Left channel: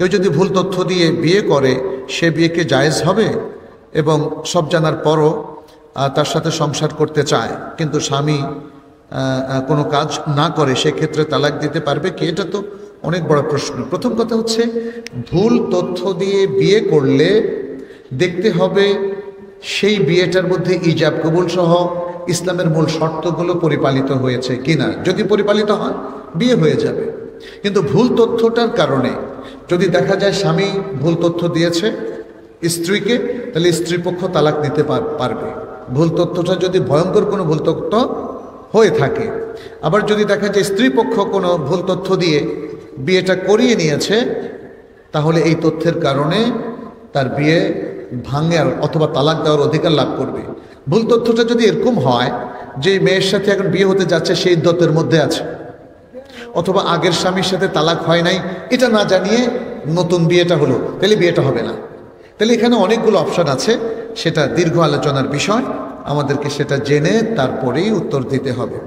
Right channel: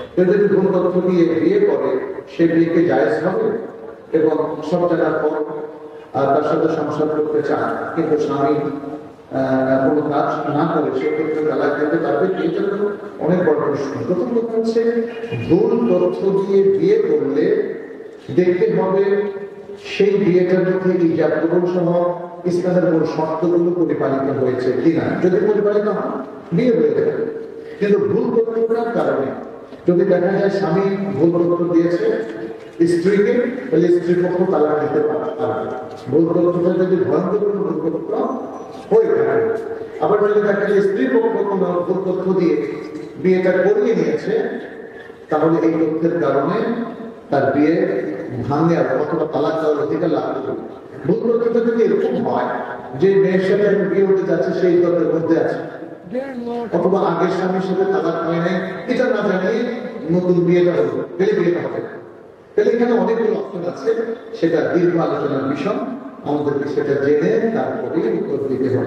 কেউ যদি ভুল তথ্য দিয়ে বিয়ে করে সে বিয়েকে জায়েজ হবে? এবং সব জানার পরও তার সাথে সংসার করতে চায় কিন্তু স্বামী কোনো কাজ না করে, সেক্ষেত্রে তালাক দিতে পারবে কি? এটা তো অনেক বড় প্রশ্ন। প্রথম কথা হচ্ছে, ভুল তথ্য দিয়ে বিয়ে করলে দেখতে হবে সেই বিয়েটার মধ্যে ইজাব কবুল সহ ইসলামের মূল শর্তগুলো পরিপালিত হয়েছে কিনা। যদি পরিপালিত হয় বিয়ে হয়ে যাবে। কিন্তু ভুল তথ্যটার কারণে যদি দেখা যায় স্বামী ভুল তথ্য দিয়েছে স্ত্রীকে, তাহলে স্ত্রীপক্ষ তালাক দিতে পারবে। ভুল তথ্যটা যদি ভয়ঙ্কর কোনো ভুল তথ্য হয়ে থাকে। আবার যদি দেখা যায় স্ত্রীপক্ষ কোনো ভুল তথ্য দিয়ে বিয়েটা করিয়ে নিয়েছে, তাহলে এই তথ্যের কারণে তার বিয়ে ভাঙার অথবা তালাক দেওয়ার অধিকার লাভ করবে। ভুল তথ্যটা যদি এরকম হয় যে মেয়ের সাথে এখন বিয়ে হতে যাচ্ছে, সেই ইদ্যতের মধ্যে আছে, অথবা আগের স্বামীর সাথে তালাক হয় নাই এটা না জানিয়ে নতুন বিয়েটা হলো, তাহলে বিয়েটা হবে না। তাহলে এখানে অনেকগুলো অপশন আছে, সেটা দীর্ঘ আলোচনার বিষয়, আমাদেরকে সেটা জেনে তারপরেই উত্তর দিতে হবে।